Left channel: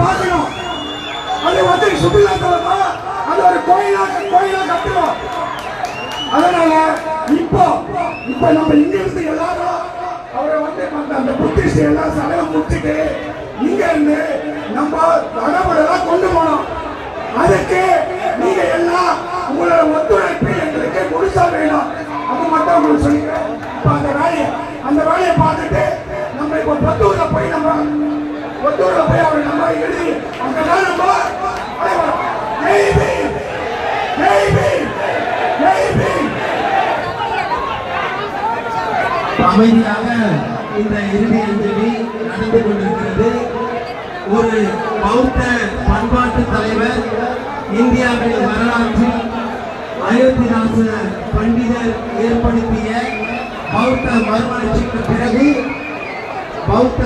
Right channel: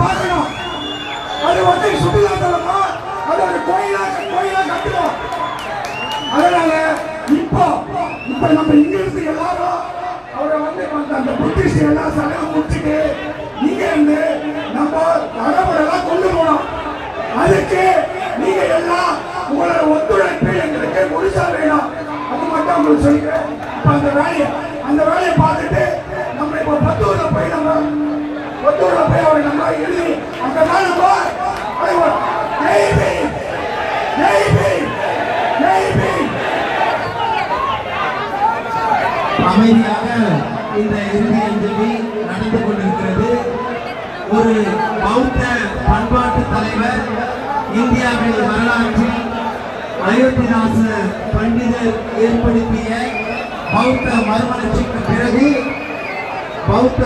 பார்க்கணும். அது வந்து சுற்றுலாத்தலமா அது ஒரு கோயிலா கட்டணும். அதனால இப்போ நம்ம இங்க இருந்து எல்லாரும் அவரை வந்து அந்த புத்திஸ்ட் எல்லாம் சடங்கு முடிச்சுட்டு இங்க இருந்து நம்ம நடைமுறைலாம் கொண்டு போனோம். அதுக்கு நீங்க எல்லாம் உங்களோட ஒத்துழைப்பு எங்களுக்கு முழுசா வேணும். அது மட்டும் உங்களுக்கு சொல்லிக்கிறேன். அந்த வேலையை பார்த்துட்டு நம்ம இப்போ பத்தூர்ல போய் அவர் நம்ம எழுதி அங்கதான் நம்ம அமைதியாக இந்த இறுதி அஞ்சலி நடந்து கொண்டிருக்கிறது. ஒரு பௌத்த பண்பாட்டு தலைவர், இந்தியாவின் வரலாற்றில் அயோத்திதாச பண்டிதர் ஏற்படுத்திய பௌத்த மறுமலர்ச்சிக்கு பிறகு இந்தியா